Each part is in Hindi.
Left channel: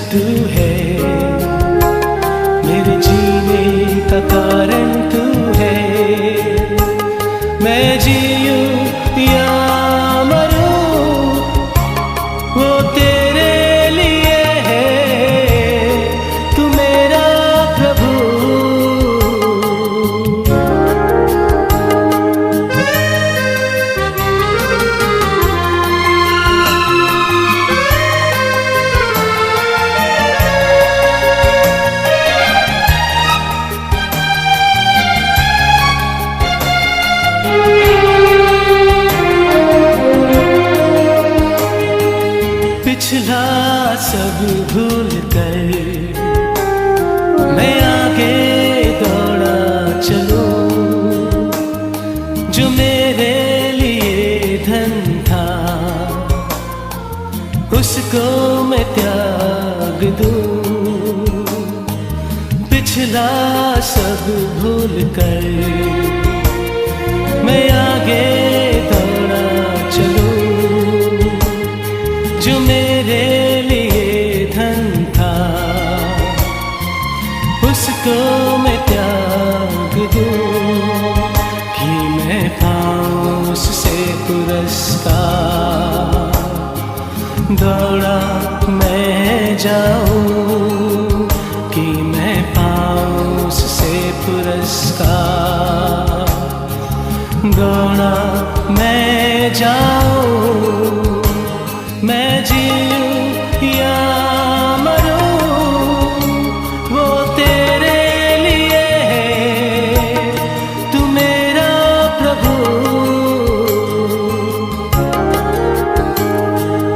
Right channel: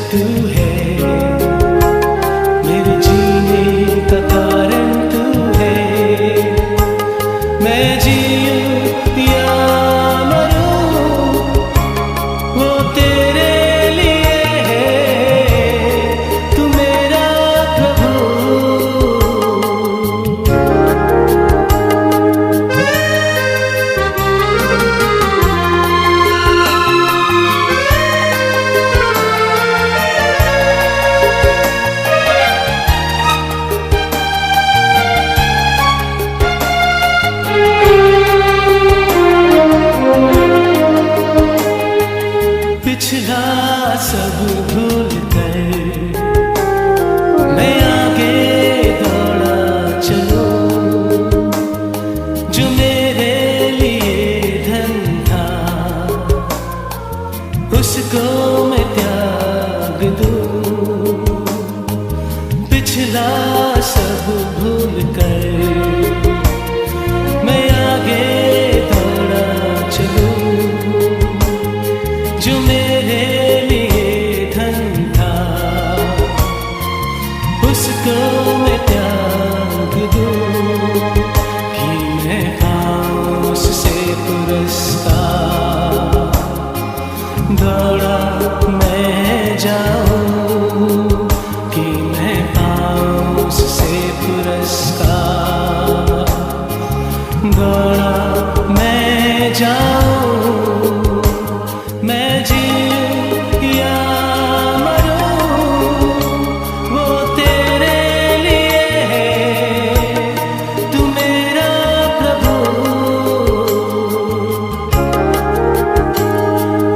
तू है, मेरे जीने का कारण तू है। मैं जीऊं या मरूं वो तेरे लिए है, तू मेरा प्रभु। पिछला सब भूल कर मैं आगे दौड़ा चलूं, जो मेरे लिए धन था उसको मैं त्याग दूं। पिछला सब भूल कर मैं आगे दौड़ा चलूं, जो मेरे लिए धन था उसको मैं त्याग दूं, कि मैं पाऊं उससे पुरस्कार। दौड़ा मैं जाऊं कि मैं पाऊं उससे पुरस्कार। दौड़ा मैं जाऊं, मैं जीऊं या मरूं वो तेरे लिए है, तू मेरा प्रभु।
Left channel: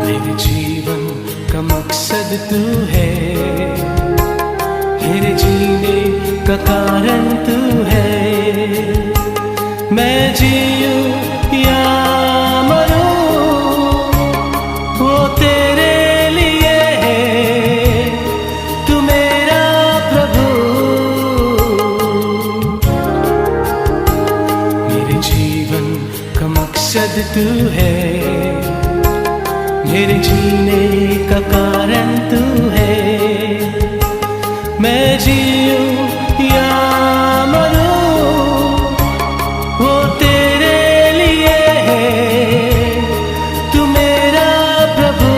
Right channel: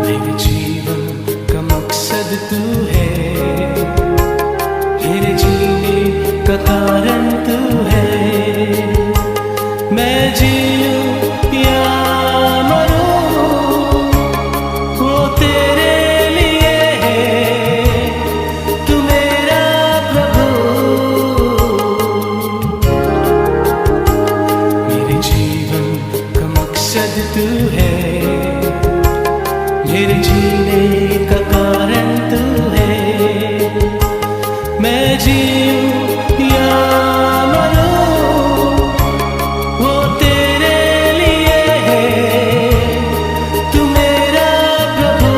मेरे जीवन का मकसद तू है, मेरे जीने का कारण तू है। मैं जीऊं या तेरे लिए है, तू मेरा प्रभु। मेरे जीवन का मकसद तू है, मेरे जीने का कारण तू है। मैं जीऊं या मरूं वो तेरे लिए है, तू मेरा प्रभु।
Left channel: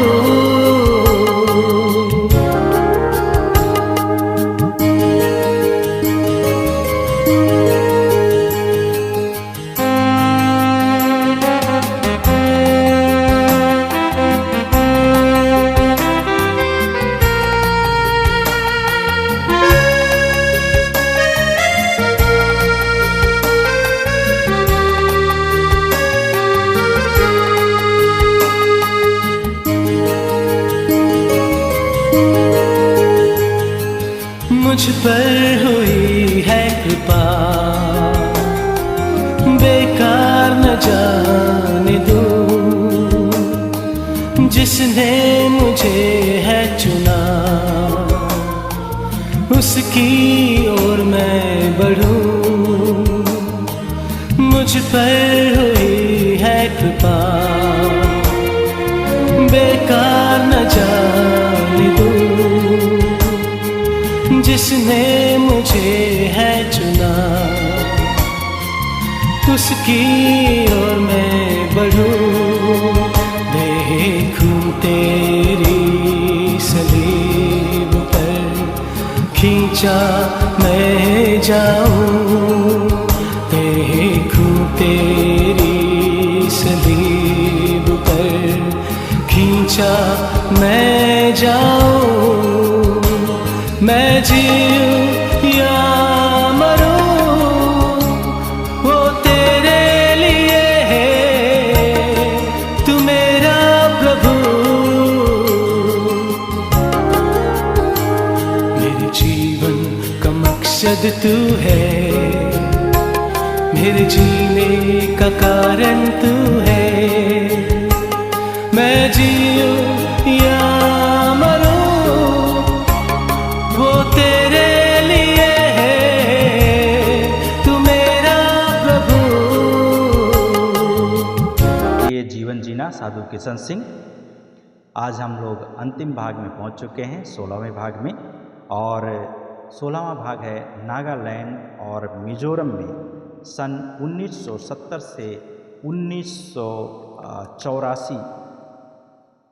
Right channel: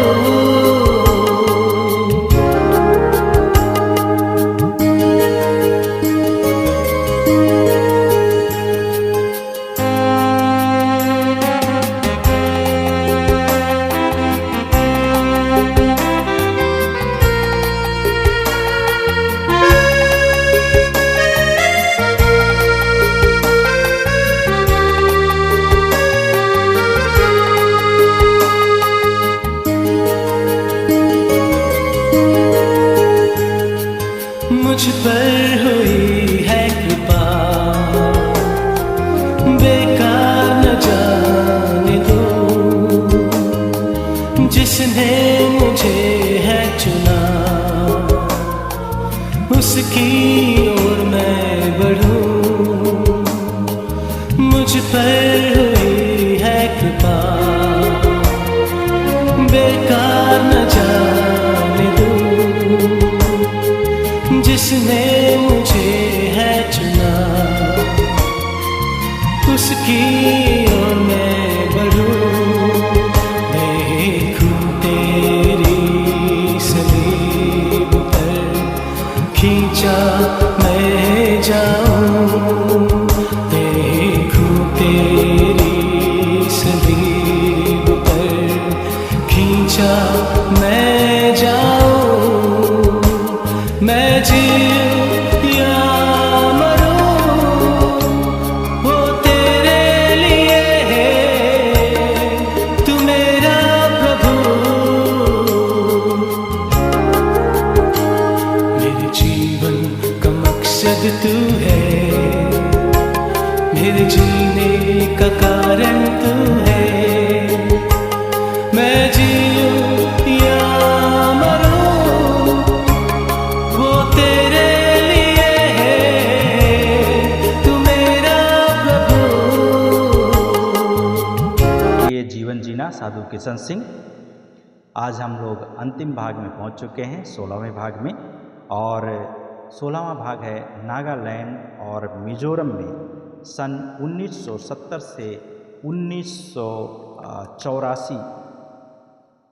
मुझ पर हुई है कृपा, बेकार न जाने दूं। जिसने मुझे है चुना उसकी ओर मैं बढ़ूं। मुझ पर हुई है कृपा, बेकार न जाने दूं। जिसने मुझे है चुना उसकी ओर मैं बढ़ूं। देखूं तेरी सलीब पर खींचा मैं जाऊं। देखूं तेरी सलीब पर खींचा मैं जाऊं। मैं जीऊं या मरूं वो तेरे लिए है, तू मेरा प्रभु। मेरे जीवन का मकसद तू है, मेरे जीने का कारण तू है। मैं जीऊं या वो तेरे लिए है, तू मेरा प्रभु। ये जीवन जीना साधु किशन सिंह। आज हम लोग अंतिम भाग में पहुंच चुके हैं, 16वें भाग में। और 16वां भाग है नागालैंड और मिजोरम में सन 1970 से 1984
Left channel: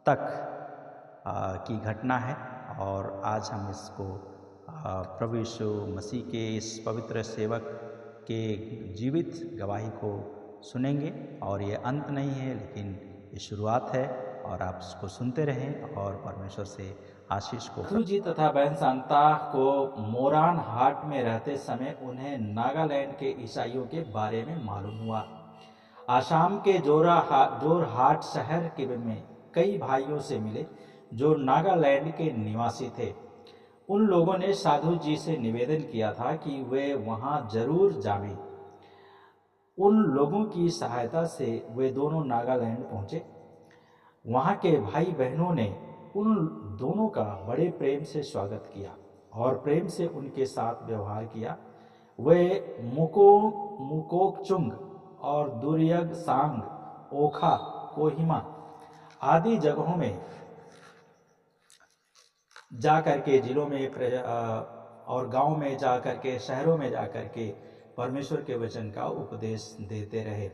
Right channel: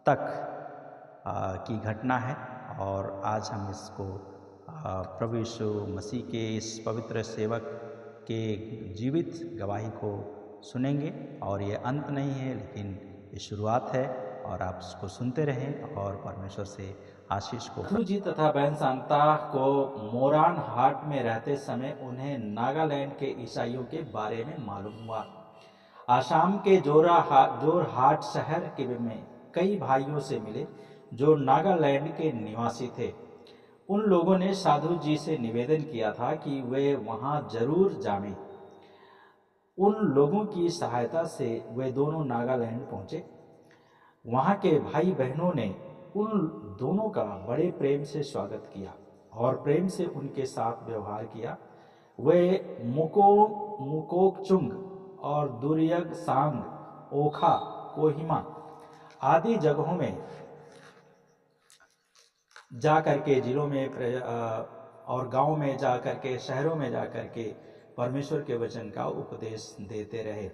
तक की घटना है। और आज हम इसको प्रभु यीशु मसीह के इस पवित्र सेवक के जीवित गवाही को सुनेंगे। और ये अंत नहीं है, लेकिन ये शुरुआत है। और आप इसको सुनते रहें और परमेश्वर से आशीष को। साधु जी तथा बहन शांता को मोरान हाट में रहते समय उन्हें नागालैंड के ईसाइयों के बारे में मालूम हुआ। आसाम के जोरहाट शहर के में कई भाइयों से मिले जो नागालैंड के निवासी थे। उन लोगों ने साधु जी से निवेदन किया था कि वे वहां जरूर जावें। उन लोगों की सहायता से वे दोनों नागालैंड पहुंचे। वहाँ के भाई बहनों ने उन दोनों का बड़े प्रेम से स्वागत किया और प्रेम से उनके साथ व्यवहार किया। वे मुकोकचुंग और दुर्यग सांग, ओखा, कोहिमा आदि जगहों में जा कर के, जिलों में और गांव में जा कर के, शहरों में जा कर के परमेश्वर के वचन का उपदेश देते रहे।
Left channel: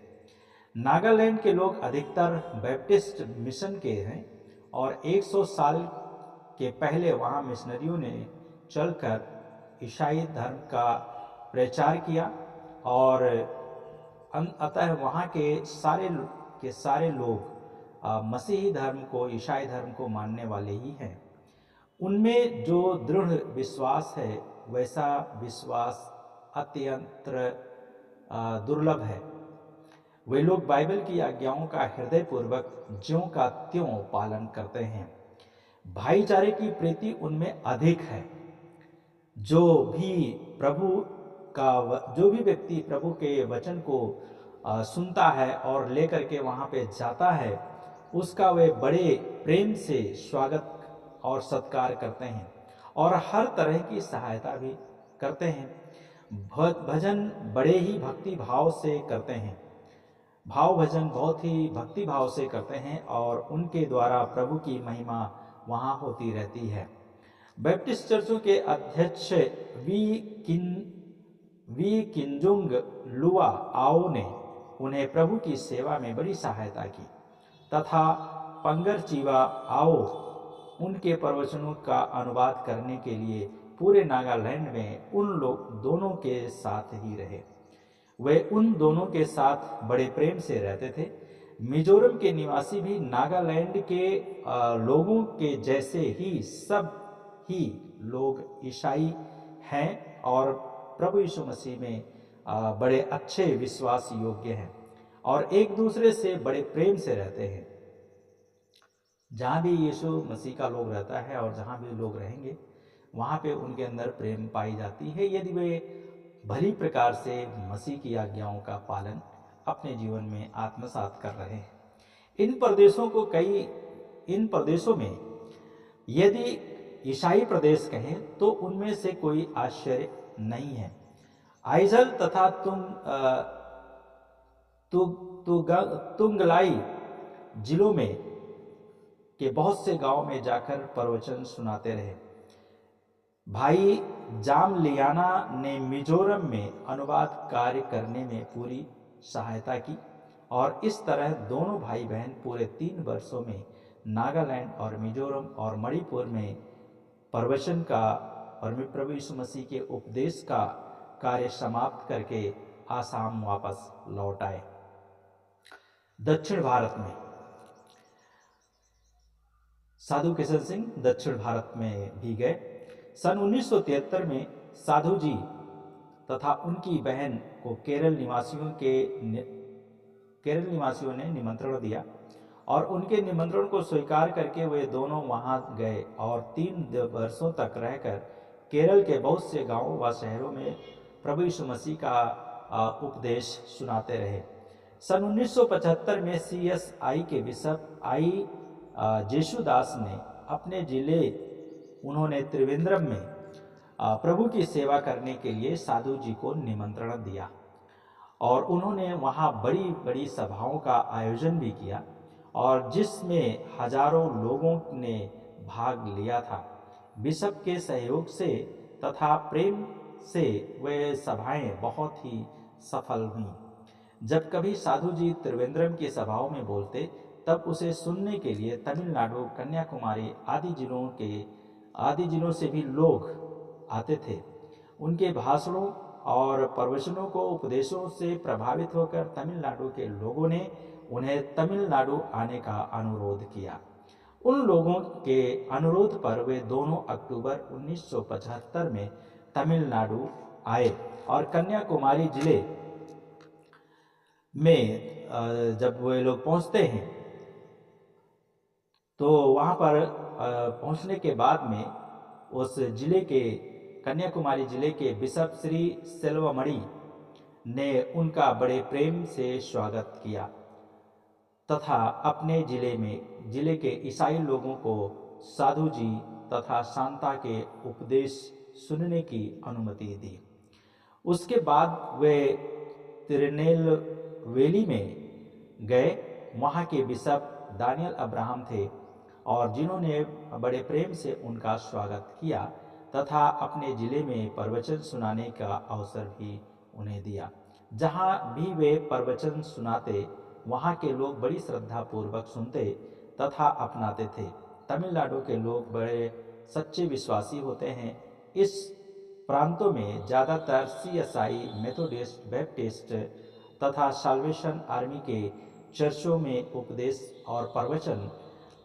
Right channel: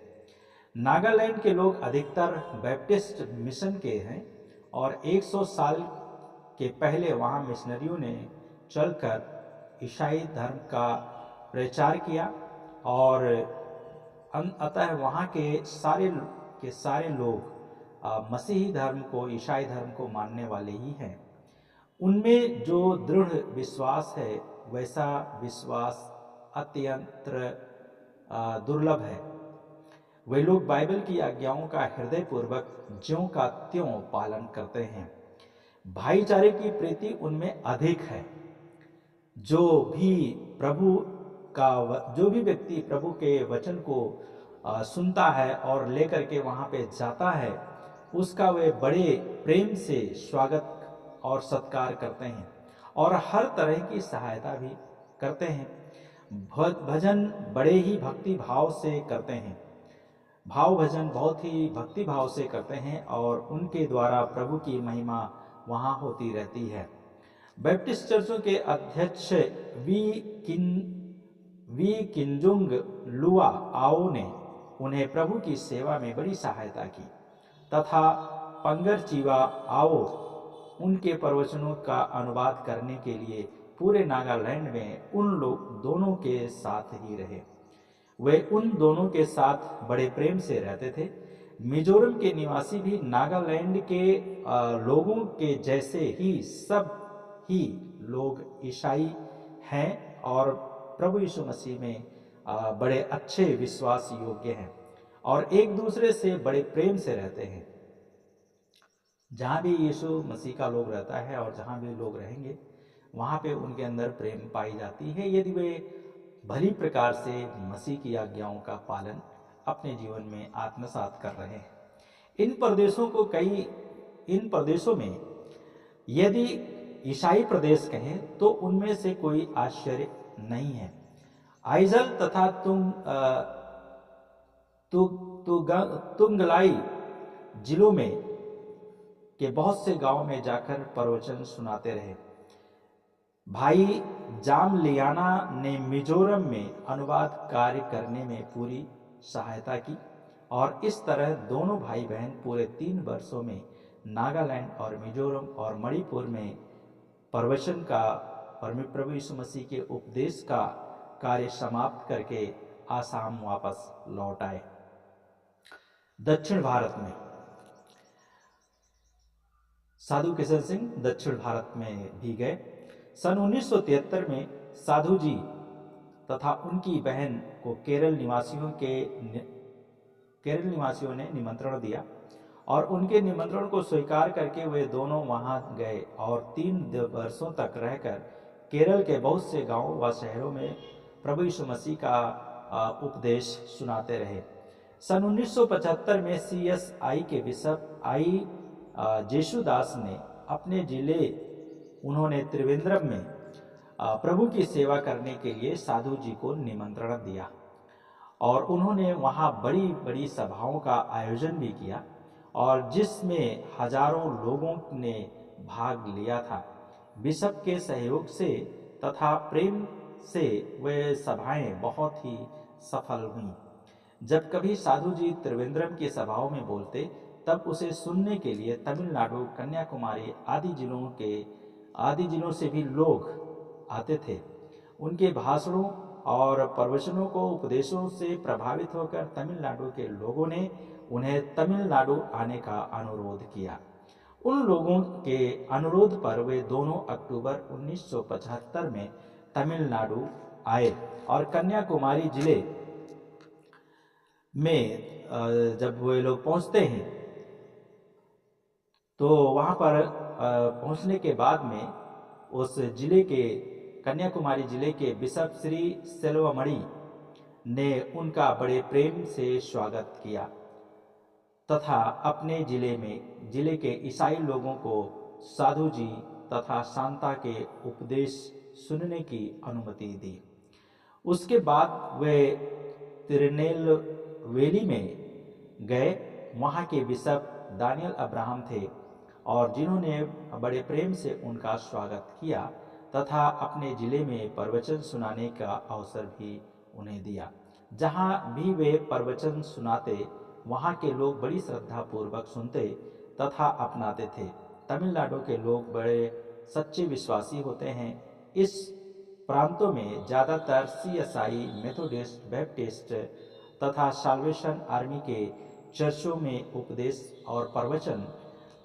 नागालैंड के लोग अधिकतर बैप्टिस्ट मिशन के हैं और 100 साल के पहले वहाँ मिशनरियों ने चलकर ईसाई धर्म का प्रचार किया। और अतः वहाँ के सारे लोग मसीही धर्म को, ईसाई धर्म को मानने वाले ही हैं। उनमें जो दृढ़ विश्वास है वैसा विश्वास अत्यंत दुर्लभ है। वे लोग बाइबल की आज्ञाओं का हृदयपूर्वक ज्यों का त्यों पालन करते हैं। भाईचारे की प्रीति उनमें अधिक है। जो भी व्यक्ति प्रभु के वचन को सुनता है और लेकर के वहाँ पे जाता है, उसका वे बड़े प्रेम से स्वागत और सत्कार करते हैं और हर तरह की सहायता भी करते हैं। भजन बड़े ही भक्ति भाव से करते हैं। भजन बहुत ही भक्ति भाव से करते हैं और उनके द्वारा प्रभु की महिमा वहाँ होती रहती है। बैप्टिस्ट चर्चों के अध्यक्ष वी किंजुंग लुआ आओ ने उन्हें प्रभु की सेवा में बड़ी सहायता की तथा पंगर चीवा आओ उनके प्रवचनों का अनुवाद करने के लिए पूरे नागालैंड में दोनों के साथ ही रहे। वे उन दोनों के साथ बड़े प्रेम से रहते थे। मिजोरम के निवासी भी नागालैंड के लोगों के जैसे ही सब ही लोग ईसाई हैं और प्रभु यीशु मसीह में बड़े अच्छे विश्वास योग्य हैं और एक दूसरे से बड़े प्रेम से रहते हैं। जहाँ भी यीशु मसीह का लोग रहता है और जहाँ भी लोग रहेंगे वहाँ पे उनके अंदर प्रेम पाई जाती है, यदि वे भली प्रकार से मसीह की आज्ञाओं का पालन अपने जीवन में आत्मसात कर रहे हैं। इन प्रदेशों में यदि ईसाई प्रदेश कहें तो उनमें से कोई आश्चर्य नहीं है। आइजल तथा तुंगलाई जिलों में के बहुत से गांव में जाकर प्रवचन सुनाते रहे। भाई जामलियाना ने मिजोरम में अनुवाद कार्य करने में पूरी सहायता की और इस तरह दोनों भाई बहन पूरे 3 वर्षों में नागालैंड और मिजोरम और मणिपुर में प्रवचन का और प्रभु यीशु मसीह के उपदेश का कार्य समाप्त करके आसाम वापस लौट आए। दक्षिण भारत में साधु किशन सिंह दक्षिण भारत में भी गए। सन 1973 में साधु जी तथा उनकी बहन को केरल निवासियों ने निमंत्रण दिया और उनके निमंत्रण को स्वीकार करके वे दोनों वहां गए और 3 वर्षों तक रहकर केरल के बहुत से गांवों व शहरों में प्रभु यीशु मसीह का उपदेश सुनाते रहे। सन 1975 में CSI के बिशप आई जेशुदास ने अपने जिले उन्होंने त्रिवेंद्रम में प्रभु की सेवा करने के लिए साधु जी को निमंत्रण दिया और उन्होंने वहाँ बड़ी बड़ी सभाओं का आयोजन भी किया और जिसमें हजारों लोगों ने भाग लिया था। बिशप के सहयोग से तथा प्रेम से वे सभाएं बहुत ही सफल हुईं। जब कभी साधु जी त्रिवेंद्रम की सभाओं में बोलते, तब उसे सुनने के लिए तमिलनाडु, कन्याकुमारी आदि जिलों से भी लोग आते थे। उनके भाषणों और प्रवचनों को उपदेशों से प्रभावित होकर तमिलनाडु के लोगों ने उन्हें तमिलनाडु आने का अनुरोध किया। उन लोगों के अनुरोध पर वे 2 अक्टूबर 1975 में तमिलनाडु आए और कन्याकुमारी जिले में जब वे लोग पहुंचते हैं तो वहाँ पर पहुंचने के बाद में उस जिले के कन्याकुमारी जिले के बिशप श्री सेल्वमणि ने उनका बड़े प्रेम से स्वागत किया तथा अपने जिले के ईसाई लोगों को साधु जी तथा शांता के उपदेश सुनने की अनुमति दी। उसके बाद वे तिरुनेलवेली में गए। वहाँ के बिशप दानियल अब्राहम थे और जिन्होंने बड़े प्रेम से उनका स्वागत किया तथा अपने ज़िले में प्रवचन सुनाने का अवसर भी उन्हें दिया। जहाँ भी वे प्रवचन सुनाते, वहाँ के लोग बड़ी श्रद्धापूर्वक सुनते तथा अपनाते थे। तमिलनाडु के लोग बड़े सच्चे विश्वासी होते हैं। इस प्रांतों में ज़्यादातर CSI, मेथोडिस्ट, बैप्टिस्ट तथा साल्वेशन आर्मी के चर्चों में उपदेश और प्रवचन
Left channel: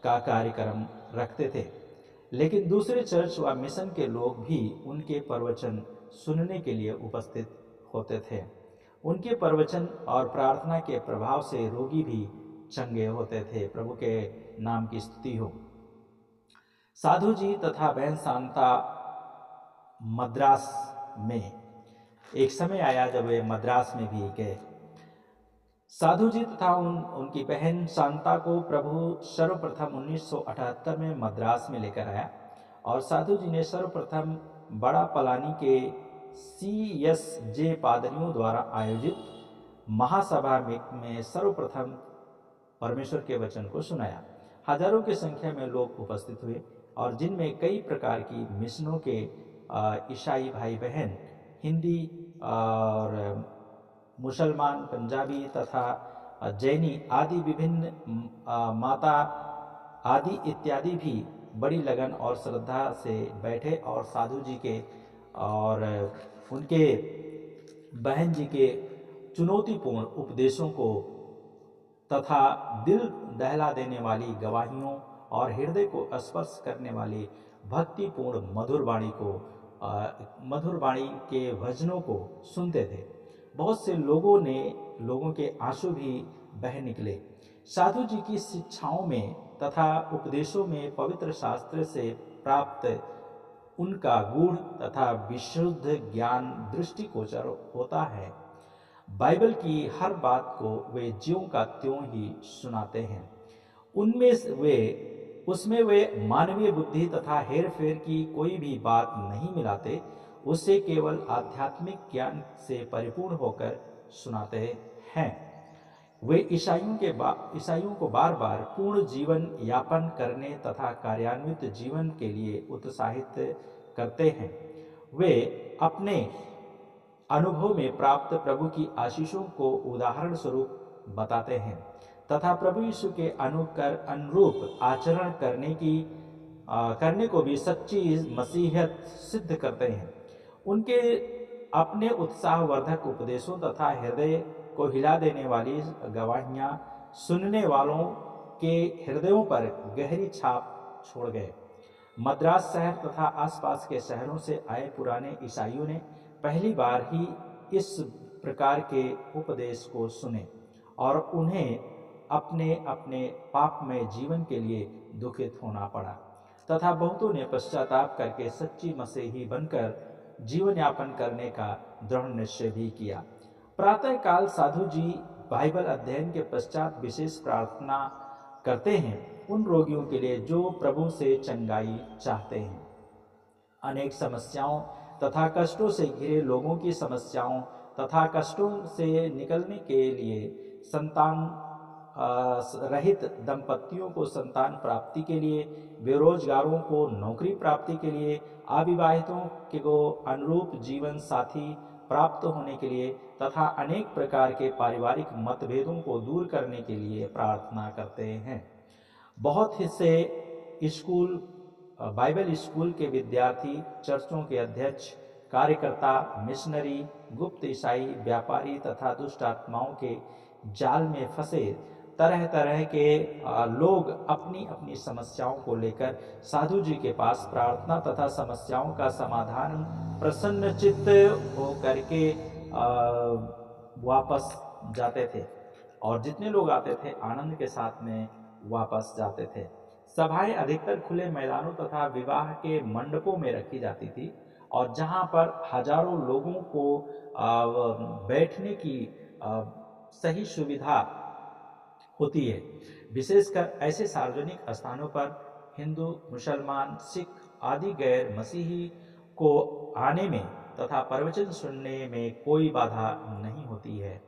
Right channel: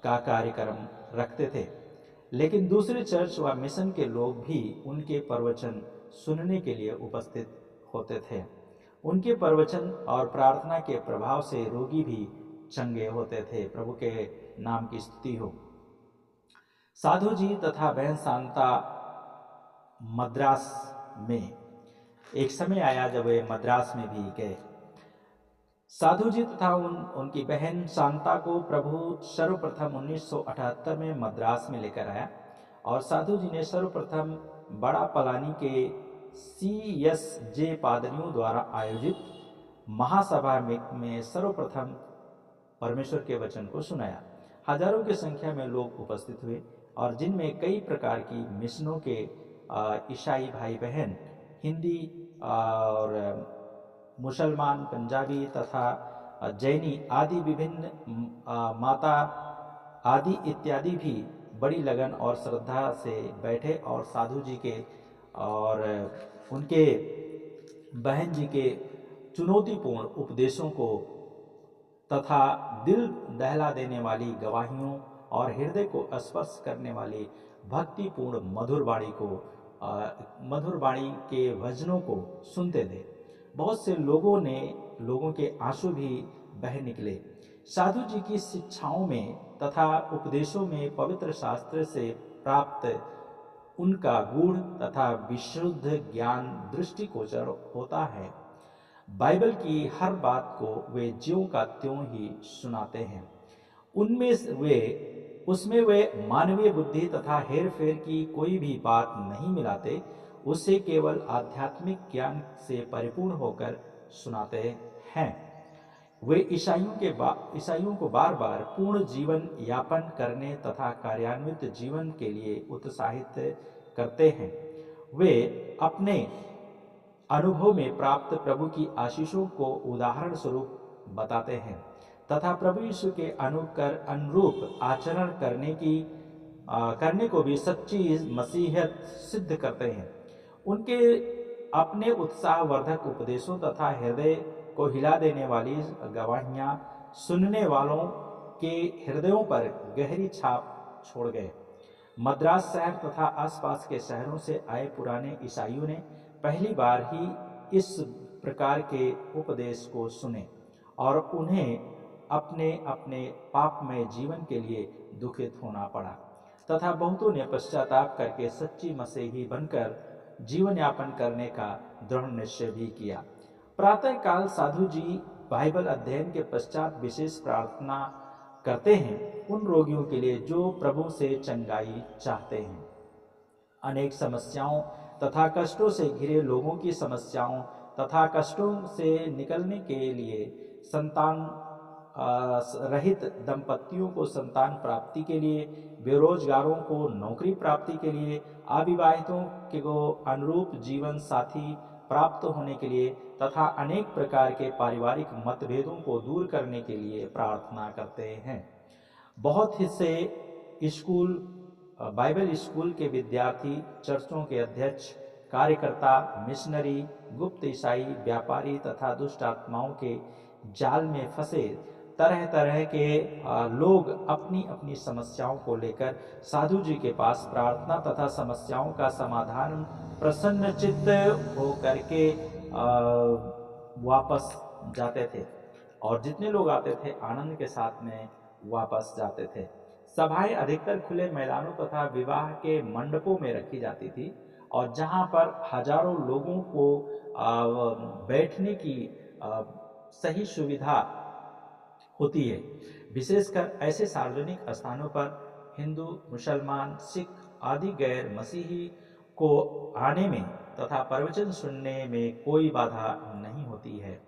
का कार्यक्रम रखते थे, लेकिन दूसरे चर्च व मिशन के लोग भी उनके प्रवचन सुनने के लिए उपस्थित होते थे। उनके प्रवचन और प्रार्थना के प्रभाव से रोगी भी चंगे होते थे। प्रभु के नाम की स्तुति हो। साधु जी तथा बहन शांता मद्रास में एक समय आया जब वे मद्रास में भी गए। साधु जी तथा उनकी बहन शांता को प्रभु सर्वप्रथम 1978 में मद्रास में लेकर आया और साधु जी ने सर्वप्रथम बड़ा पलानी के CSJ पादरियों द्वारा आयोजित महासभा में सर्वप्रथम परमेश्वर के वचन को सुनाया। हजारों की संख्या में लोग उपस्थित हुए और जिनमें कई प्रकार की मिशनों के ईसाई भाई बहन, हिंदी और मुसलमान, पंजाबी तथा जैनी आदि विभिन्न माता आदि इत्यादि भी बड़ी लगन और श्रद्धा से बैठे और साधु जी के और उनके बहन जी के चुनौतीपूर्ण उपदेशों को तथा दिल दहला देने वाली गवाहियों और हृदय को स्पर्श करने वाली भक्तिपूर्ण मधुर वाणी के भजनों को सुनते थे। बहुत से लोगों के आंसू भी बह निकले। साधु जी की शिक्षाओं में तथा उपदेशों में पवित्र शास्त्र से प्राप्त उनका गूढ़ तथा विशुद्ध ज्ञान दृष्टिगोचर होता है। बाइबल की हर बात को वे ज्यों का त्यों ही सुनाते हैं। उसमें वे मानवीय बुद्धि तथा हेर फेर की कोई भी बात नहीं मिलाते, उसे केवल आध्यात्मिक ज्ञान से परिपूर्ण होकर सुनाते हैं। वे ईसाइयों को बार बार पूर्ण जीवन यापन करने तथा कार्यान्वित जीवन के लिए उत्साहित करते हैं। वे अपने अनुभव में प्राप्त प्रभु की आशीषों को उदाहरण स्वरूप बताते हैं तथा प्रभु यीशु के अनुरूप आचरण करने को भी सच्ची मसीहत सिद्ध करते हैं। उनके अपने उत्साहवर्धक उपदेशों तथा हृदय को हिला देने वाली गवाहियाँ सुनने वालों के हृदयों पर गहरी छाप छोड़ गए। मद्रास शहर तथा आसपास के शहरों से आए पुराने ईसाइयों ने पहली बार ही इस प्रकार के उपदेश को सुने और उन्हें अपने अपने पापमय जीवन के लिए दुखित होना पड़ा तथा बहुतों ने पश्चाताप करके सच्ची मसीही बनकर जीवन यापन करने का दृढ़ निश्चय भी किया। प्रातःकाल साधु जी बाइबल अध्ययन के पश्चात विशेष प्रार्थना करते हैं उन रोगियों के लिए जो प्रभु से चंगाई चाहते हैं। अनेक समस्याओं तथा कष्टों से घिरे लोगों की समस्याओं तथा कष्टों से निकलने के लिए संतान रहित दंपतियों को संतान प्राप्ति के लिए, बेरोजगारों को नौकरी प्राप्ति के लिए, अविवाहितों को अनुरूप जीवन साथी प्राप्त होने के लिए तथा अनेक प्रकार के पारिवारिक मतभेदों को दूर करने के लिए प्रार्थना करते हैं। बहुत से स्कूल, बाइबल स्कूल के विद्यार्थी, चर्चों के अध्यक्ष, कार्यकर्ता, मिशनरी, गुप्त ईसाई, व्यापारी तथा दुष्ट आत्माओं के जाल में फंसे तरह तरह के लोग अपनी अपनी समस्याओं को लेकर साधु जी के पास प्रार्थना तथा समस्याओं का समाधान प्रसन्न चित्त होकर के वापस जाते थे। और जितने लोग आते थे आनंद के साथ में वापस जाते थे। सभाएं अधिकतर खुले मैदानों तथा विवाह के मंडपों में रखी जाती थी और जहां पर हजारों लोगों को बैठने की सही सुविधा होती है। विशेषकर ऐसे सार्वजनिक स्थानों पर हिंदू, मुसलमान, सिख आदि गैर मसीही को आने में तथा प्रवचन सुनने में कोई बाधा नहीं होती है।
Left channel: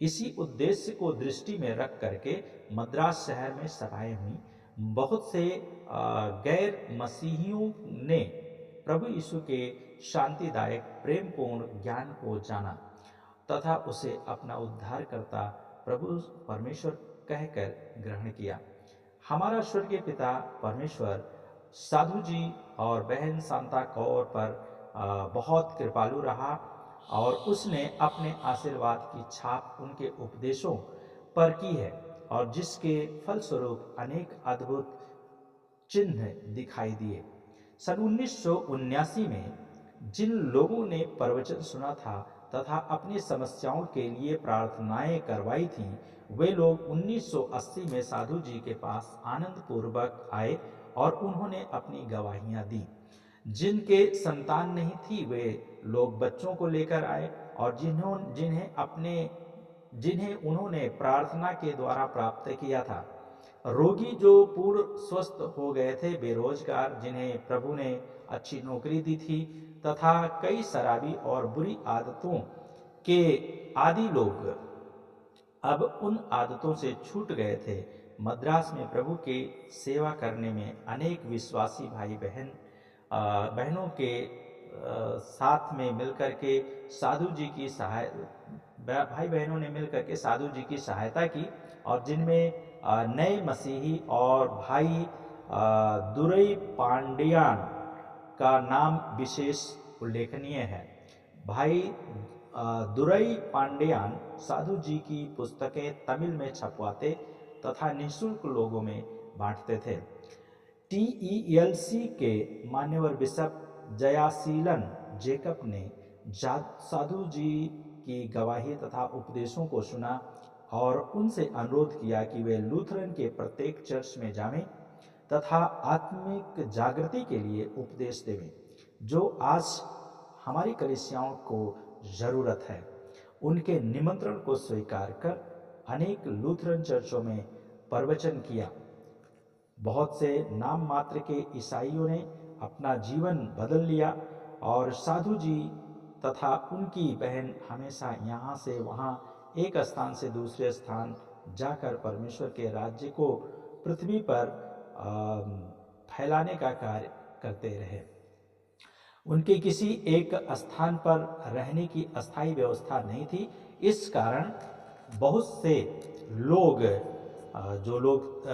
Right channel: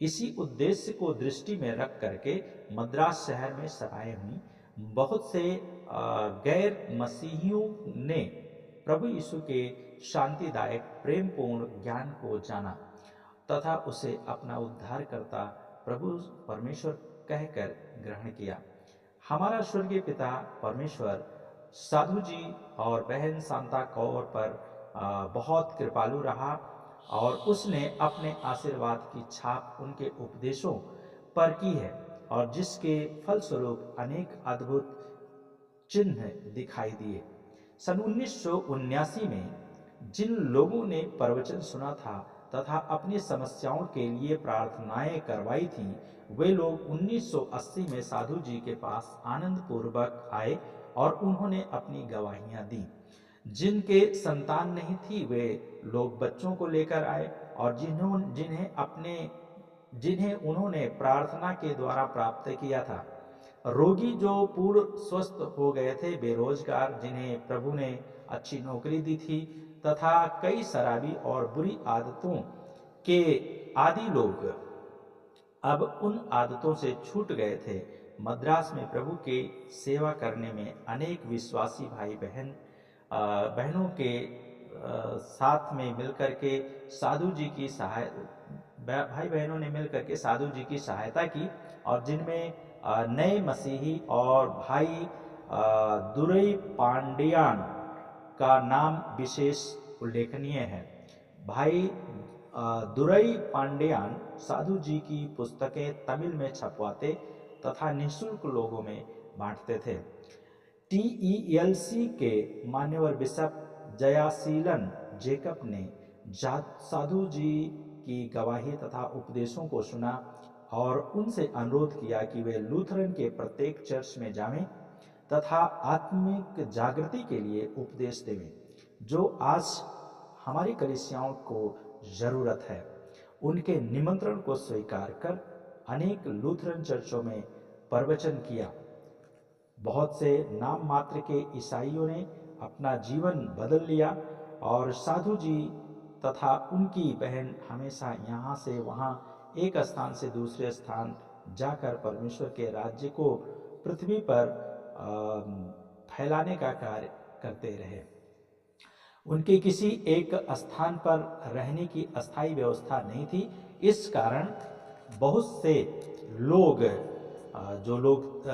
इसी उद्देश्य को दृष्टि में रख करके मद्रास शहर में सभाएं हुई। बहुत से गैर मसीहियों ने प्रभु यीशु के शांतिदायक प्रेमपूर्ण ज्ञान को जाना तथा उसे अपना उद्धारकर्ता प्रभु परमेश्वर कहकर ग्रहण किया। हमारा स्वर्गीय पिता परमेश्वर साधु जी और बहन शांता कौर पर बहुत कृपालु रहा और उसने अपने आशीर्वाद की छाप उनके उपदेशों पर की है और जिसके फलस्वरूप अनेक अद्भुत चिन्ह दिखाई दिए। सन 1979 में जिन लोगों ने प्रवचन सुना था तथा अपनी समस्याओं के लिए प्रार्थनाएं करवाई थीं, वे लोग 1980 में साधु जी के पास आनंद पूर्वक आए और उन्होंने अपनी गवाहियां दी। जिनके संतान नहीं थी वे लोग बच्चों को लेकर आए और जिन्हें उन्होंने प्रार्थना के द्वारा प्राप्त किया था। रोगी जो पूर्ण स्वस्थ हो गए थे, बेरोजगार जिन्हें प्रभु ने अच्छी नौकरी दी थी तथा कई शराबी और बुरी आदतों के आदि लोग अब उन आदतों से छूट गए थे। मद्रास में प्रभु के सेवा करने में अनेक विश्वासी बहनों के साथ में मिलकर के साधु जी की भाई बहनों ने मिलकर के साधु जी की सहायता की और जिनमें नए मसीही और भाई दुरई पांडियान का नाम विशेष उल्लेखनीय है। भाई दुरई पांडियान साधु जी की पुस्तकें तमिल में छपवाते तथा निःशुल्क लोगों में बांटते थे। TELC के मान्यवर बिशप जयाशीलन जेकब ने साधु जी की गवाही तथा उपदेशों को सुना और उनसे अनुरोध किया कि वे लूथरन के प्रत्येक चर्च में जावें तथा आत्मिक जागृति के लिए उपदेश देवें, जो आज हमारी कलीसियाओं को ज़रूरत है। उनके निमंत्रण को स्वीकार कर अनेक लूथरन चर्चों में प्रवचन किया। बहुत से नाम मात्र के ईसाइयों ने अपना जीवन बदल लिया और साधु जी तथा उनकी बहन हमेशा यहाँ से वहाँ एक स्थान से दूसरे स्थान जाकर परमेश्वर के राज्य को पृथ्वी पर फैलाने का कार्य करते रहे। उनके किसी एक स्थान पर रहने की अस्थायी व्यवस्था नहीं थी। इस कारण बहुत से लोग जो लोग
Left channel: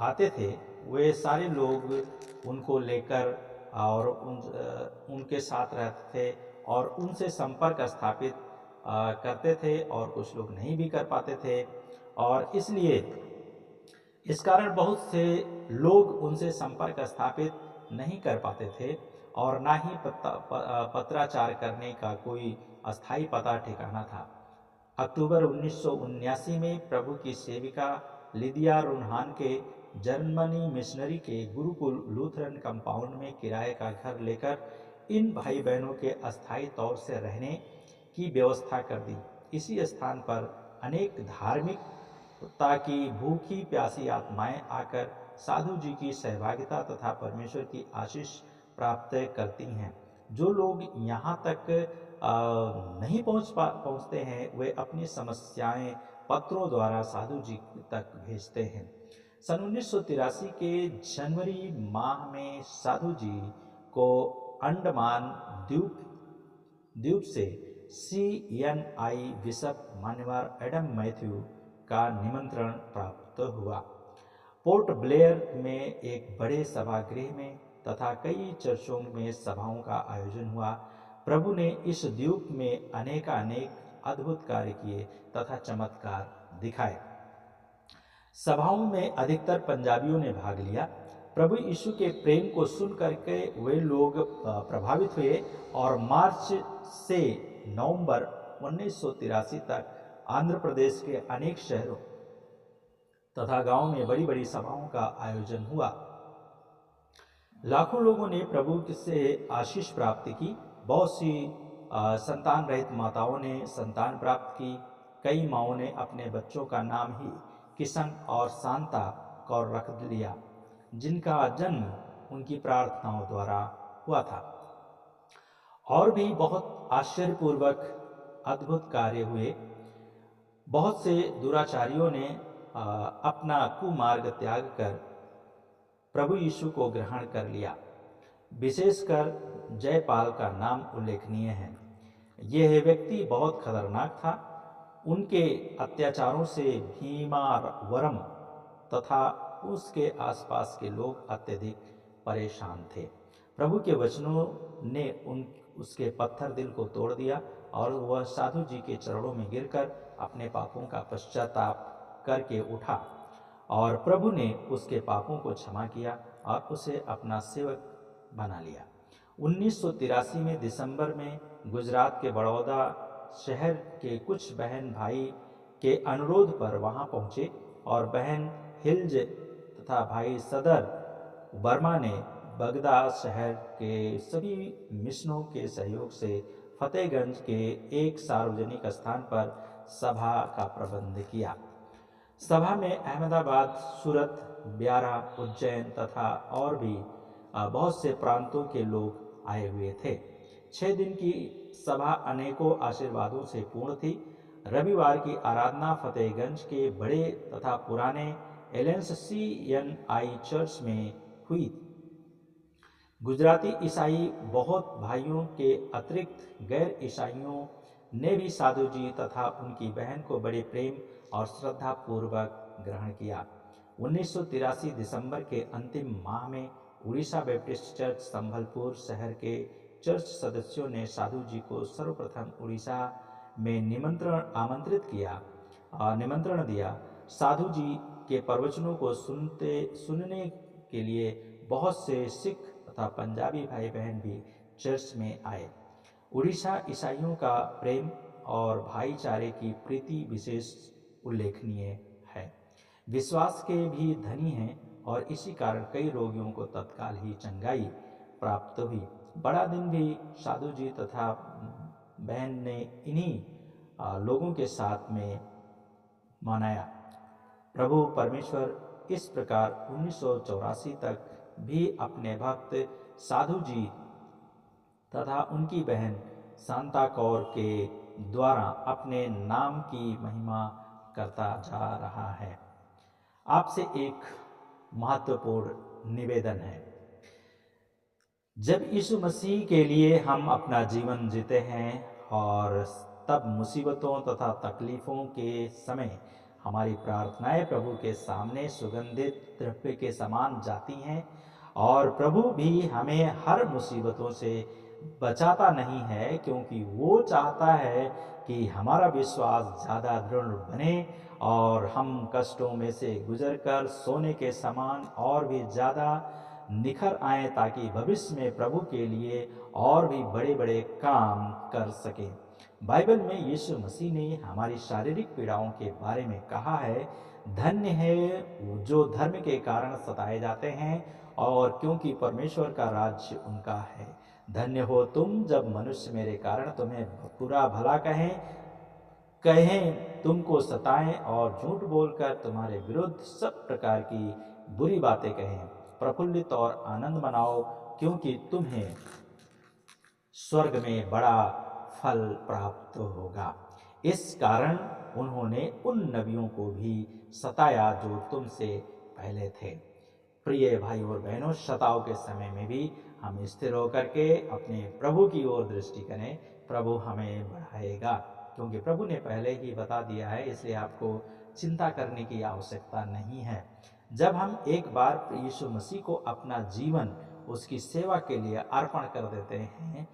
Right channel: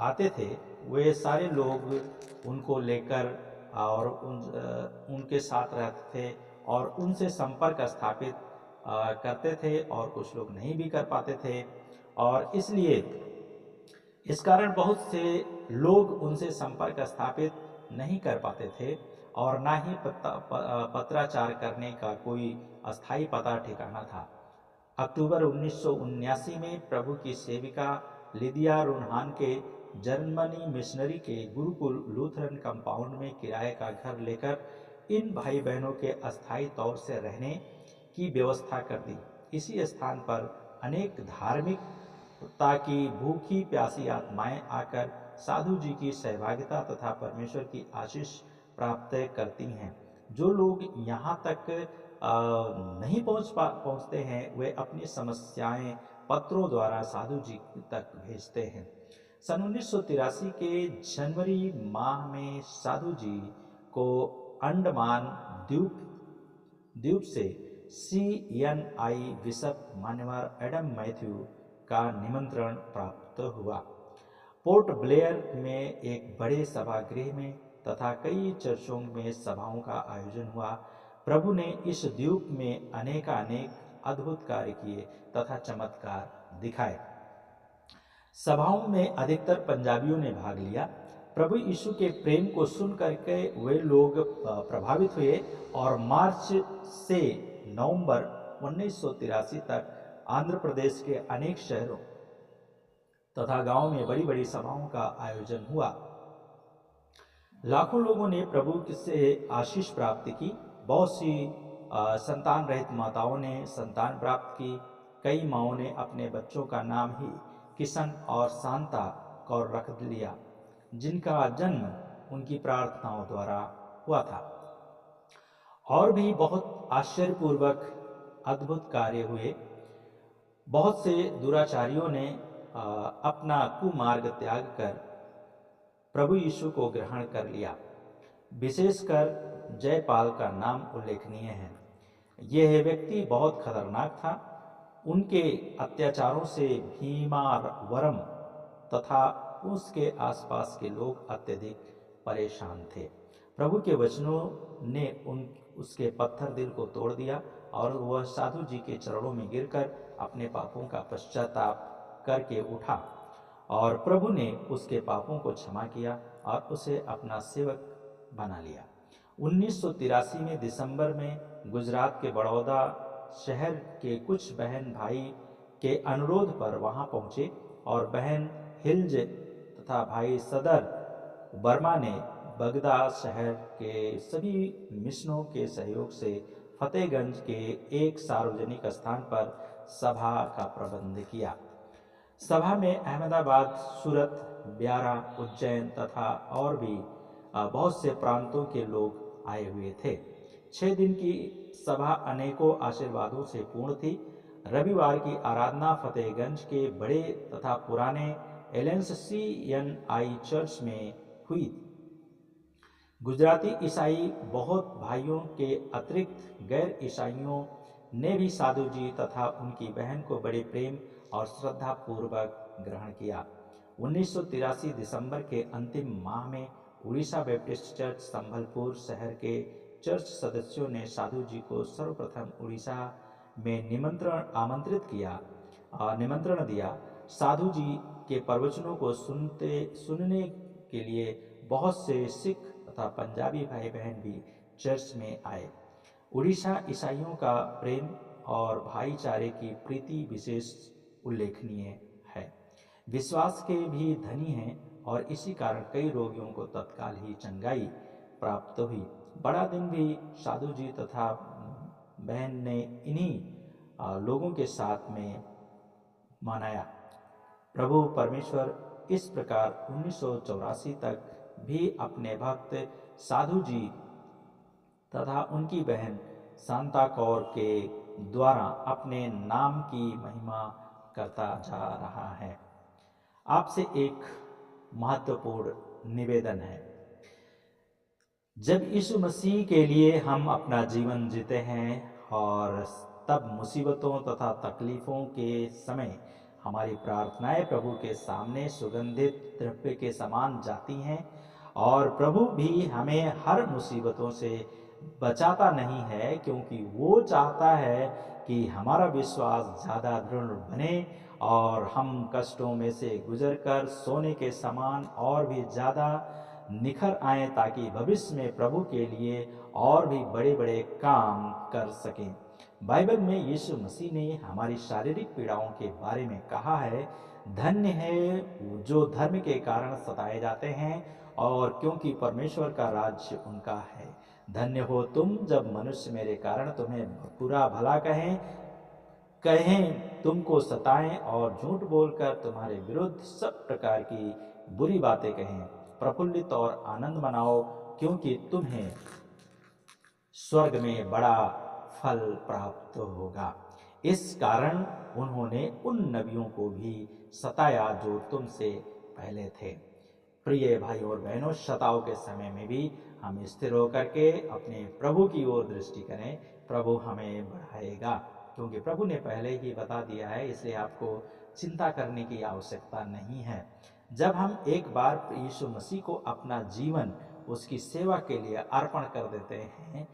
आते थे वे सारे लोग उनको लेकर और उनके साथ रहते थे और उनसे संपर्क स्थापित करते थे और कुछ लोग नहीं भी कर पाते थे और इसलिए इस कारण बहुत से लोग उनसे संपर्क स्थापित नहीं कर पाते थे और ना ही पत्राचार करने का कोई अस्थायी पता ठिकाना था। अक्टूबर 1979 में प्रभु की सेविका लिदिया रुनहान के जर्मनी मिशनरी के गुरुकुल लूथरन कंपाउंड में किराए का घर लेकर इन भाई बहनों के अस्थायी तौर से रहने की व्यवस्था कर दी। इसी स्थान पर अनेक धार्मिकता की भूखी प्यासी आत्माएं आकर साधु जी की सहभागिता तथा परमेश्वर की आशीष प्राप्त करती हैं। जो लोग यहाँ तक नहीं पहुँचते हैं वे अपनी समस्याएं पत्रों द्वारा साधु जी तक भेजते हैं। सन 1983 के जनवरी माह में साधु जी को अंडमान द्वीप से CNI बिशप मान्यवर एडम मैथ्यू का निमंत्रण प्राप्त हुआ। पोर्ट ब्लेयर में एक बड़े सभागृह में तथा कई चर्चों में सभाओं का आयोजन हुआ। प्रभु ने इस द्वीप में अनेक अद्भुत कार्य किए तथा चमत्कार दिखाए। सभाओं में अधिकतर पंजाबियों ने भाग लिया। प्रभु यीशु के प्रेम को सुन करके वे लोग प्रभावित हुए और मार्च से नवंबर 1983 तक आंध्र प्रदेश के अनेक शहरों तथा गांवों में बड़ी बड़ी सभाओं का आयोजन हुआ। लाखों लोगों ने प्रभु से आशीष प्राप्त की। बहुत सी संतान रहित माताओं ने संतान प्राप्त की। कई माँओं ने अपने बच्चों का नाम ही किशन और शांता कौर रख लिया, जिनका जन्म उनकी प्रार्थनाओं द्वारा हुआ था। और भी बहुत आश्चर्यपूर्वक अद्भुत कार्य हुए। बहुत से दुराचारियों ने अपना कुमार्ग त्याग कर प्रभु यीशु को ग्रहण कर लिया। विशेषकर जयपाल का नाम उल्लेखनीय है। यह व्यक्ति बहुत खतरनाक था। उनके अत्याचारों से भीमावरम तथा उसके आसपास के लोग अत्यधिक परेशान थे। प्रभु के वचनों ने उसके पत्थर दिल को तोड़ दिया और वह साधु जी के चरणों में गिरकर अपने पापों का पश्चाताप करके उठा और प्रभु ने उसके पापों को क्षमा किया और उसे अपना सेवक बना लिया। 1983 में दिसंबर में गुजरात के बड़ौदा शहर के कुछ बहन भाई के अनुरोध पर वहां पहुंचे और बहन हिल्ज तथा भाई सदर वर्मा ने बगदाद शहर के सभी मिशनों के सहयोग से फतेहगंज के एक सार्वजनिक स्थान पर सभा का प्रबंध किया। सभा में अहमदाबाद, सूरत, ब्यारा, उज्जैन तथा और भी बहुत से प्रांतों के लोग आए हुए थे। 6 दिन की सभा अनेकों आशीर्वादों से पूर्ण थी। रविवार की आराधना फतेहगंज के बड़े तथा पुराने एलेंस CNI चर्च में हुई। गुजराती ईसाई बहुत भाइयों के अतिरिक्त गैर ईसाइयों ने भी साधु जी तथा उनकी बहन को बड़े प्रेम और श्रद्धा पूर्वक ग्रहण किया। 1983 दिसंबर के अंतिम माह में उड़ीसा बैप्टिस्ट चर्च संभलपुर शहर के चर्च सदस्यों ने साधु जी को सर्वप्रथम उड़ीसा में निमंत्रण दिया। साधु जी के प्रवचनों को सुनने के लिए बहुत से सिख तथा पंजाबी भाई बहन भी चर्च में आए। उड़ीसा ईसाइयों का प्रेम और भाईचारे की प्रीति विशेष उल्लेखनीय है। विश्वास के भी धनी हैं और इसी कारण कई रोगियों को तत्काल ही चंगाई प्राप्त हुई। बड़ा दिन भी साधु जी तथा बहन ने इन्हीं लोगों के साथ में मनाया। प्रभु परमेश्वर इस प्रकार 1984 तक भी अपने भक्त साधु जी तथा उनकी बहन शांता कौर के द्वारा अपने नाम की महिमा करता जा रहा है। आपसे एक महत्वपूर्ण निवेदन है। जब यीशु मसीह के लिए हम अपना जीवन जीते हैं और तब मुसीबतों तथा तकलीफ़ों के समय हमारी प्रार्थनाएं प्रभु के सामने सुगंधित द्रव्य के समान जाती हैं और प्रभु भी हमें हर मुसीबतों से बचाता नहीं है, क्योंकि वो चाहता है कि हमारा विश्वास ज़्यादा दृढ़ बने और हम कष्टों में से गुजरकर सोने के समान और भी ज़्यादा निखर आएं, ताकि भविष्य में प्रभु के लिए और भी बड़े बड़े काम कर सकें। बाइबल में यीशु मसीह ने हमारी शारीरिक पीड़ाओं के बारे में कहा है, धन्य है जो धर्म के कारण सताए जाते हैं और क्योंकि परमेश्वर का राज्य उनका है। धन्य हो तुम जब मनुष्य मेरे कारण तुम्हें बुरा भला कहें, तुमको सताएं और झूठ बोलकर तुम्हारे विरुद्ध सब प्रकार की बुरी बातें कहें। प्रफुल्लित और आनंद मनाओ, क्योंकि तुम्हें स्वर्ग में बड़ा फल प्राप्त होगा। इस कारण उन्होंने उन नबियों को भी सताया जो तुमसे पहले थे। प्रिय भाई और बहनों, शताओं के समय में भी हम स्थिर होकर के अपने प्रभु की ओर दृष्टि करें। प्रभु हमें बढ़ाएगा, क्योंकि प्रभु ने पहले ही बता दिया है, इसलिए आपको चिंता करने की आवश्यकता नहीं है। जब हम एक बार यीशु मसीह को अपना जीवन उसकी सेवा के लिए अर्पण कर देते हैं,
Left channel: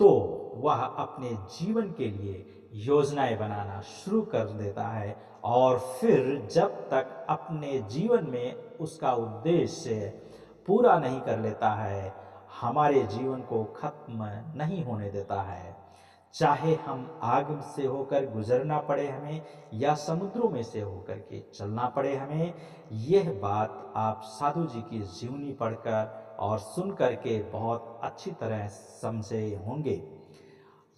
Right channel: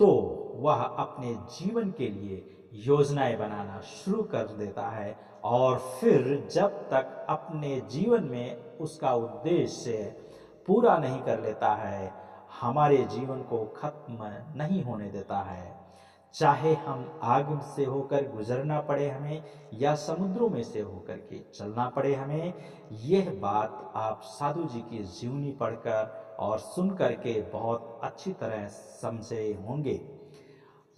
तो वह अपने जीवन के लिए योजनाएं बनाना शुरू कर देता है, और फिर जब तक अपने जीवन में उसका उद्देश्य पूरा नहीं कर लेता है, हमारे जीवन को खत्म नहीं होने देता है। चाहे हम आग से होकर गुजरना पड़े हमें, या समुद्रों में से होकर के चलना पड़े हमें, यह बात आप साधु जी की जीवनी पढ़कर और सुन करके बहुत अच्छी तरह समझे होंगे।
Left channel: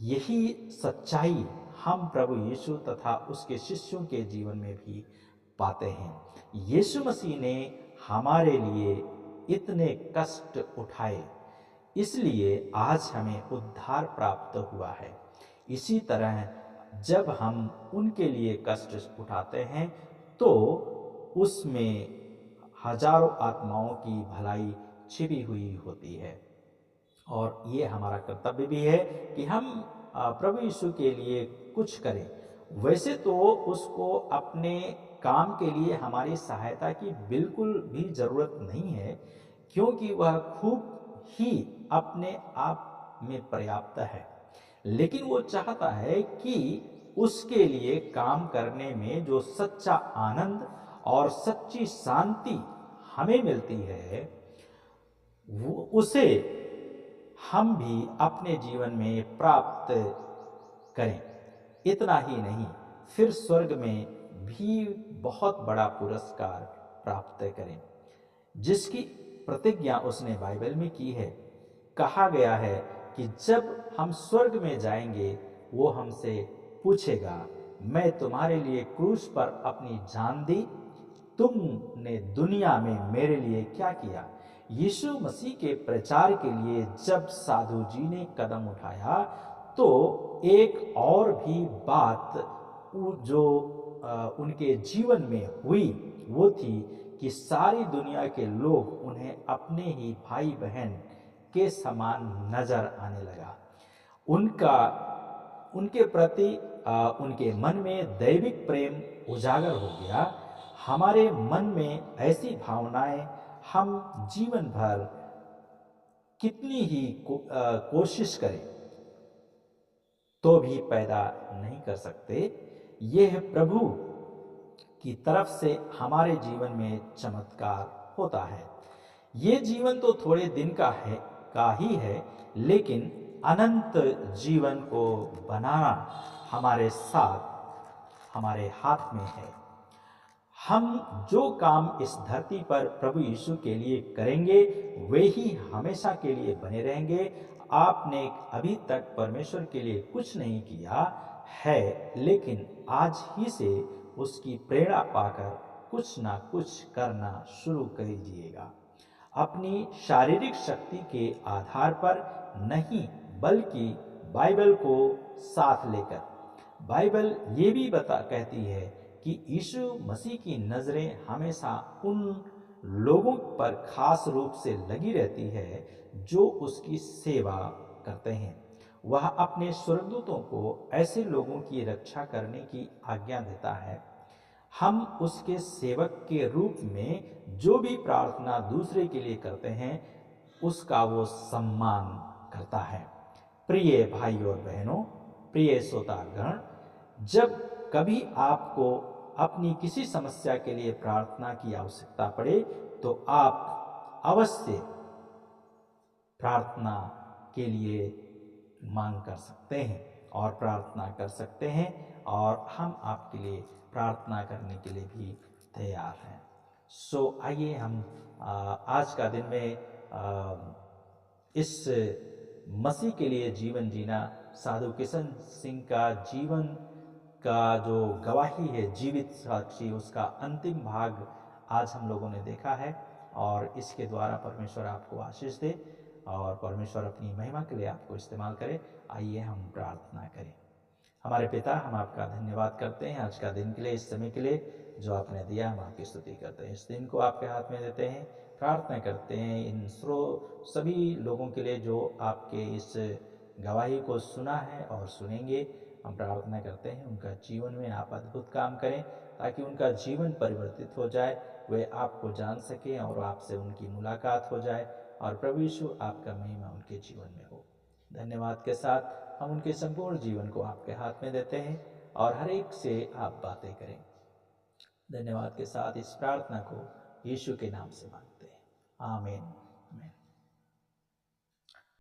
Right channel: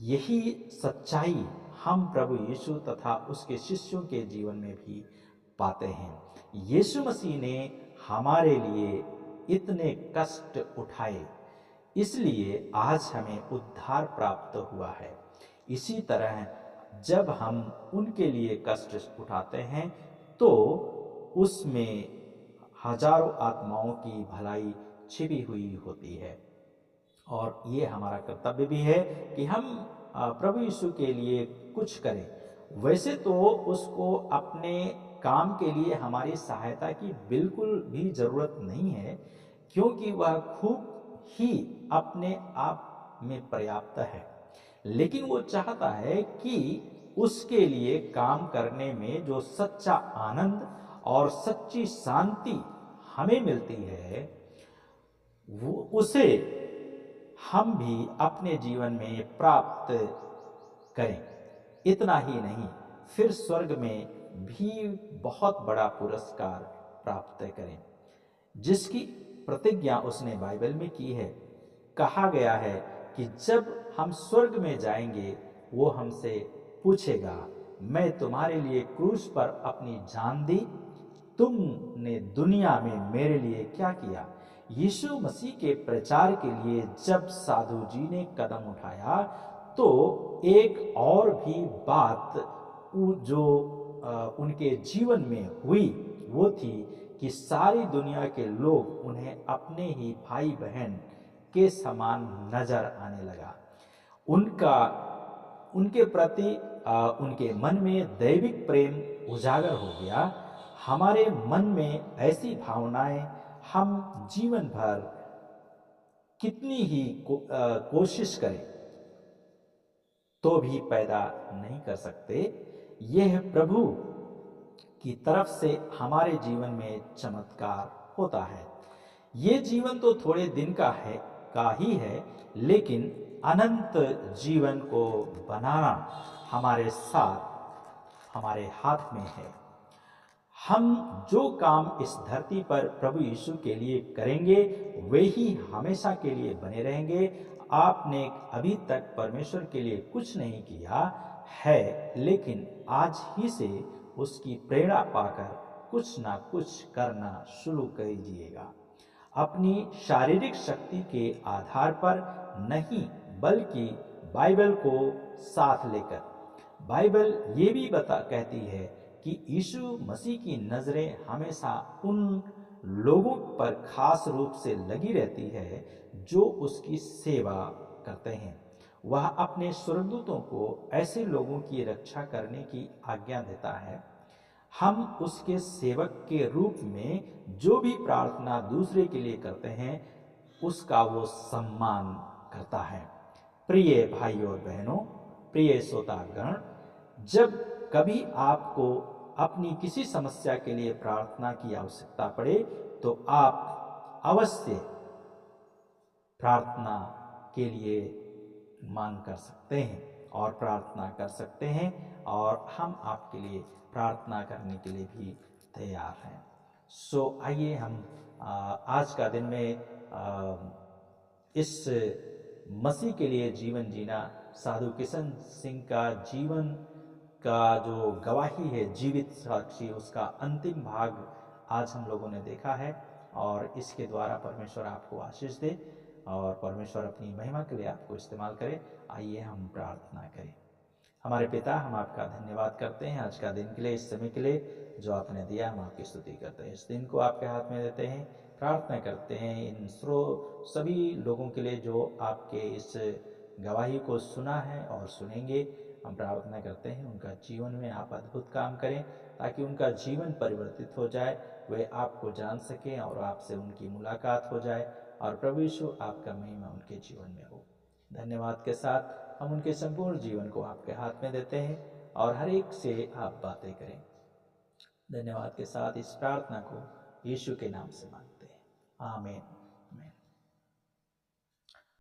यही सच्चाई हम प्रभु यीशु तथा उसके शिष्यों के जीवन में भी पाते हैं। यीशु मसीह ने हमारे लिए इतने कष्ट उठाए, इसलिए आज हमें उद्धार प्राप्त हुआ है। इसी तरह जब हम उनके लिए कष्ट उठाते हैं, तो उसमें हजारों आत्माओं की भलाई छिपी हुई होती है, और ये हमारा कर्तव्य भी है कि हम प्रभु यीशु के लिए कुछ करें। वैसे तो उसको अपने काम के लिए हमारी सहायता की बिल्कुल भी ज़रूरत नहीं है, क्योंकि वह खूब ही अपने आप में पर्याप्त है। लेकिन वो चाहता है कि उसके लिए काम करने में जो सच्चा आनंद और सच्ची शांति हमें मिलती है, वो उसे हम भी अपने जीवन में प्राप्त करें। इतना ही नहीं, फिर स्वर्ग में भी बहुत बड़ा पुरस्कार प्राप्त करें, जिसकी प्रतिज्ञा उसने बाइबल में की है। कहा गया है कि जब हम स्वर्ग में जाएंगे, वो हमसे पूछेगा, मैं तुम्हारे लिए क्रूस पर अपनी जान दी, तुमने दुनिया में मेरे लिए क्या किया। यीशु मसीह के प्रचार के लिए जब साधु जी ने कदम उठाया, तो एक और भी बात जो उनके जीवन में हुई, वो थी कि सारी दुनिया के लोग उन्हें अपने ही भाई बहन के समान नजर आने लगा। उनके प्रति उनके मन में दैविक प्रेम उजागर हो गया। हमारे मन में ऐसी भावनाएं हम जीवन भर कितनी ही कोशिश करें तो भी पैदा नहीं कर सकते। यह प्रभु की तरफ से हमारे जीवन में चमत्कार होता है। ये जीवन तो थोड़े दिन का ही है, लेकिन अनंत जीवन को बनाना हमारे हाथ में है। हम जो काम इस धरती पर प्रभु यीशु के लिए करेंगे, वे ही हमेशा के लिए बने रहेंगे। आपने अभी तक परमेश्वर के लिए कुछ नहीं किया है, लेकिन आज ही से उसकी प्रेरणा पाकर कुछ ना कुछ करना शुरू कर दीजिएगा। अपनी शारीरिक शक्ति के आधार पर नहीं, बल्कि बाइबल को साथ लेकर। बाइबल ये भी कहती है कि यीशु मसीह की नज़रें हमेशा उन लोगों पर खास रूप से लगी रहती है जो उसकी सेवा करते हैं। वह अपने स्वर्गदूतों को ऐसे लोगों की रक्षा करने की आज्ञा देता है। हम उसके सेवक के रूप में जो भी प्रार्थना दूसरे के लिए करते हैं, उसका वो सम्मान करता है। प्रिय भाई और बहनों, प्रिय श्रोतागण, जब कभी आपको अपनी किसी समस्या के लिए प्रार्थना की आवश्यकता पड़े, तो आप अवश्य प्रार्थना के लिए मांग कर सकते हैं और प्रार्थना कर सकते हैं, और हम आपके लिए प्रार्थना करने के लिए भी तैयार हैं। आइए हम आज का दिन में इस मसीह के लिए जीवन जीना, साधु किशन सिंह का जीवन का जो गवाही है, जीवित साक्षी, उसका अंतिम भाग आज हम लोगों ने देखा है, और इसके द्वारा परमेश्वर आपको आशीष दे और परमेश्वर अपनी महिमा के लिए आपको इस्तेमाल करे। आइए हम प्रार्थना करें। हमारे पिता, हम आपका धन्यवाद करते हैं आज का दिन के लिए, इस समय के लिए जो आपने दिया, हम आपकी स्तुति करते हैं। इस दिन को आपके हाथ में देते हैं, प्रार्थना करते हैं इन सभी लोगों के लिए जो आपके इस गवाही को सुना है और सुनेंगे। हम प्रार्थना करते हैं उनका जीवन में आप अद्भुत काम करें, ताकि उनका जीवन परिवर्तित हो जाए, वे आपको जान सकें और आपसे उनकी मुलाकात हो जाए, और प्रभु यीशु आपका महिमा उनके जीवन में हो। धन्यवाद के साथ हम उनके संपूर्ण जीवन को आपके हाथ में देते हैं और हर एक से आप बातें करें। धन्यवाद के साथ इस प्रार्थना को यीशु के नाम से मांगते हैं, आमीन।